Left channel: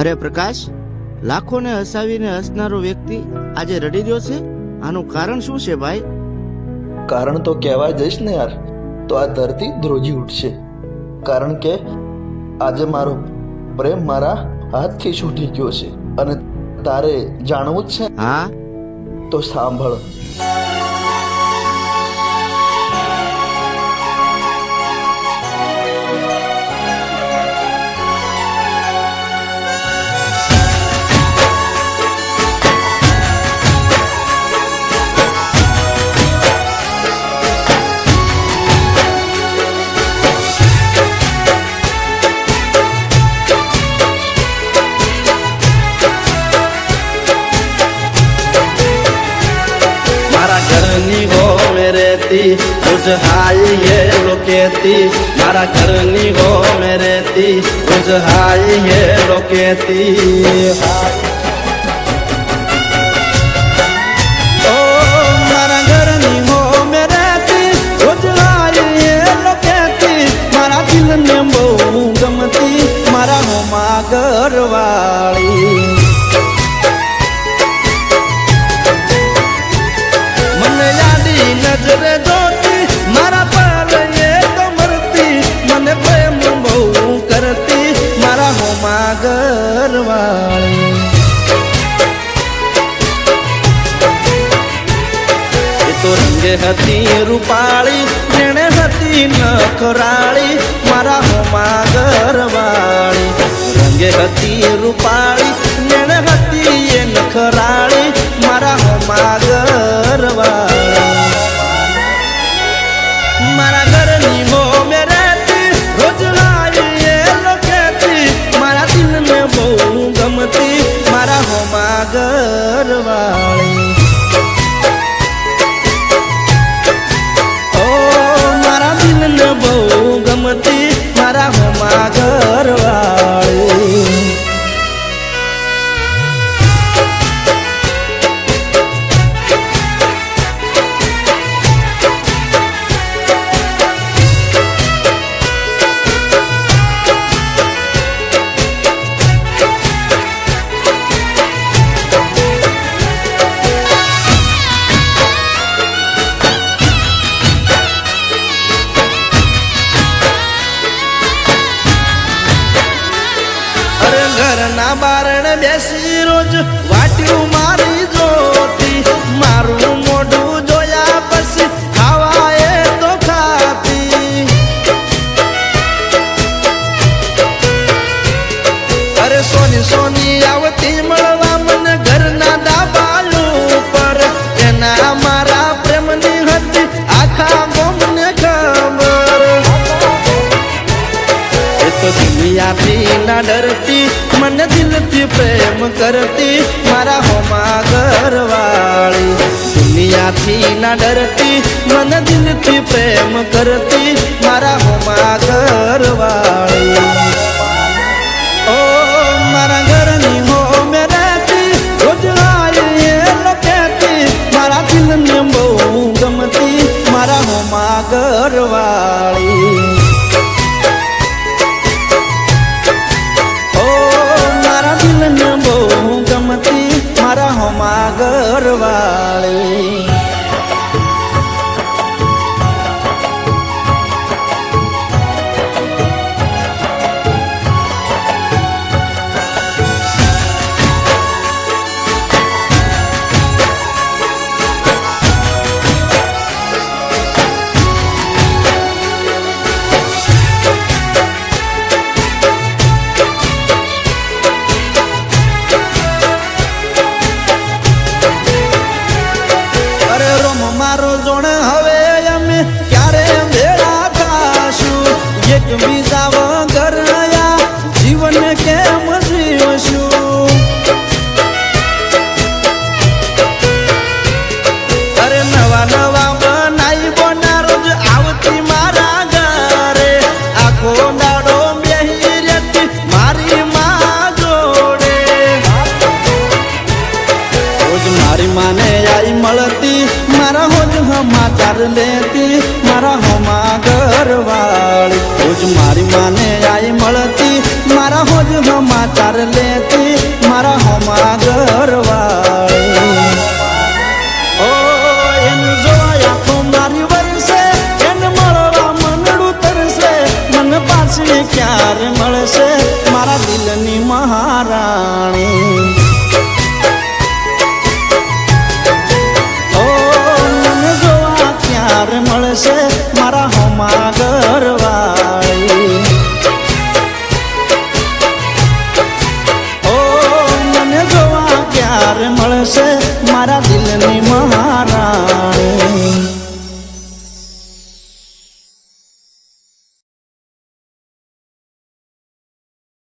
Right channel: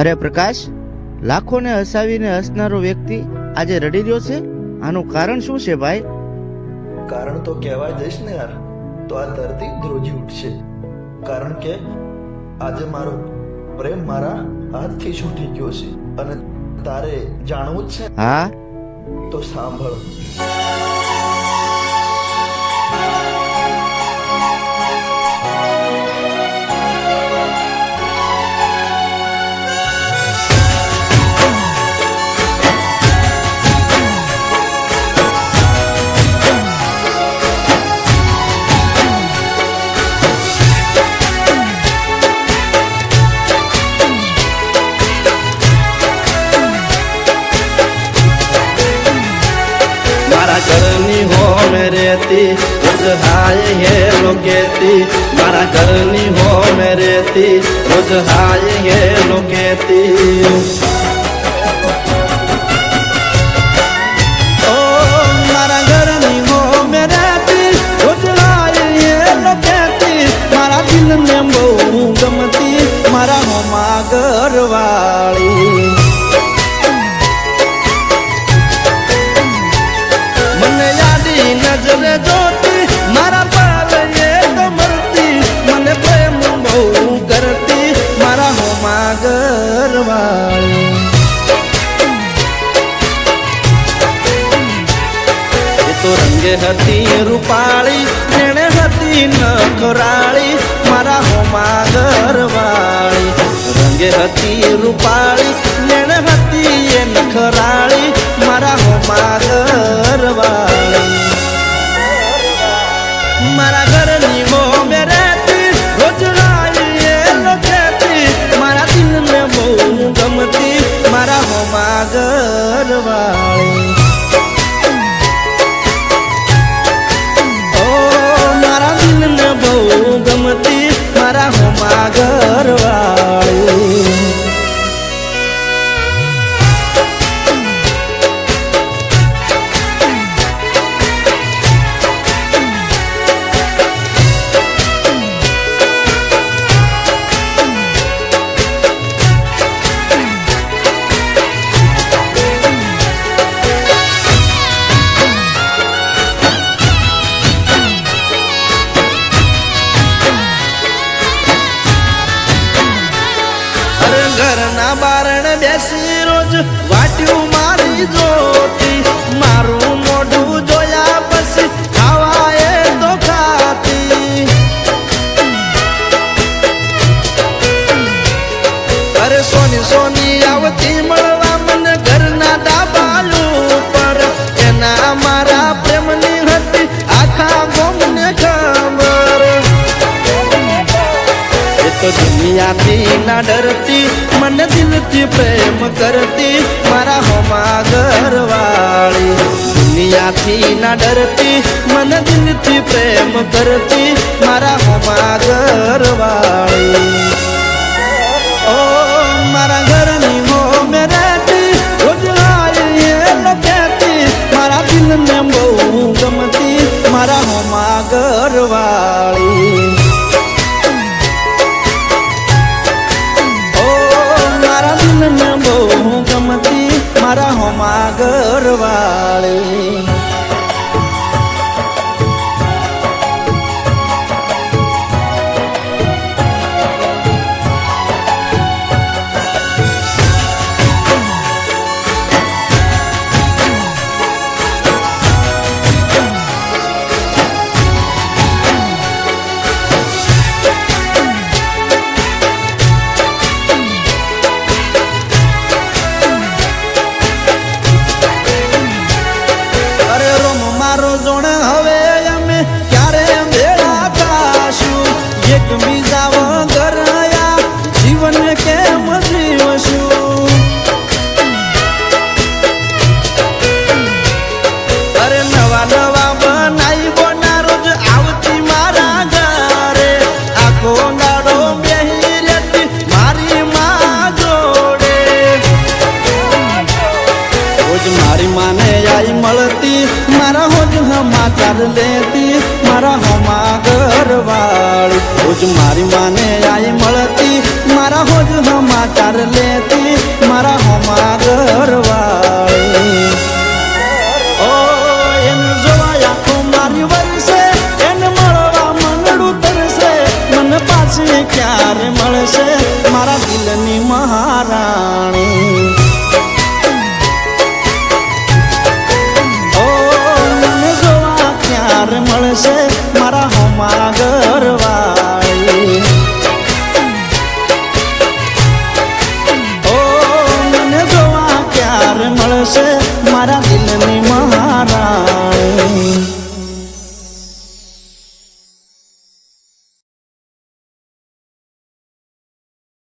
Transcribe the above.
અરે પ્રકાશ, લાખોને હસાવીને હસનારો વ્યક્તિ આજે રડી રહ્યો છે. આનું કારણ શું છે ભાઈ? કારણ તો કહેવા જઈશ ને યાર તો આ ધરતી ધ્રુજી ઉઠશે. કારણ કે આજે મારો પ્રેમ મારા હાથથી છૂટી ગયો છે. અને તારે જાણવું જ છે? હા. તો સાંભળ. हाय ये लोकेती मारा घरनी हो मेरे ती रोज हाय ये लोकेती ओ मारा घरनी हो मेरे ती रोज हाय ये लोकेती मारा दिल ने बहु गमती मारा हो मागर वाली मन यादी नजर जोती मारा पाल ये तो मरती मने प्रेम बहु करती मारा हो मागर वाली ये तो रंगे हती रूपाली नेणे हती नखराली मारा हो मागर वाली रंगे हती रूपाली नेणे हती ये नखराली मारा हो मागर वाली मारा घर नी हो मेरे ती रोज आई ये लोकेती मारा दिल में बहु गमती मारा हो मागर वाली ओ मारा दिल में बहु गमती मारा हो मागर वाली घरना बारण बेसी रोज वाट्यू मारी जोती मारू मोढू जोया पसी खावाए तो खाती अरे सोनी सोनी आवती मळवा मन घरना दाबालू पर एना मारा प्रेमनी हती आखा गोमने खबर तो दुनिया थी ना डरती मन दिल थी प्रेम करती मारा हो मागर वाली दुनिया थी ना डरती मन दिल थी प्रेम करती मारा हो मागर वाली ओ मारा घर नी हो मेरे ती रोज आई ये लोकेती मारा दिल में बहु गमती मारा हो मागर वाली मारा दिल ने बहु गमती मारा हो मागर वाली मारो जोण हवे अमे क्यारे भेड़ा थाशु एक बीजा वगर या जीवन केम जीवशु अरे नवा नवा बनाई बोना रोज आवती मारा घरे आखो नाडो बेही रेती मारी माँ जोड़े रोज मारी माने आई मलती मारा हो समाचार लेती मारा हो मागर वाली रोज રોજ મારી માને આઈ મળતી, મારા હોજ સમાચાર લેતી, મારા હોમા ઘરવાળી. ઓ એને જોવા આંખો મારી વરસે, એને મળવા મનડું તરસે, મને પાછી ક્યારે મળશે મારા દિલની મહારાણી. ઓ મને જોવા ક્યારે મળશે મારા હોમા ઘરવાળી. ઓ મને જોવા ક્યારે મળશે મારા દિલની મહારાણી.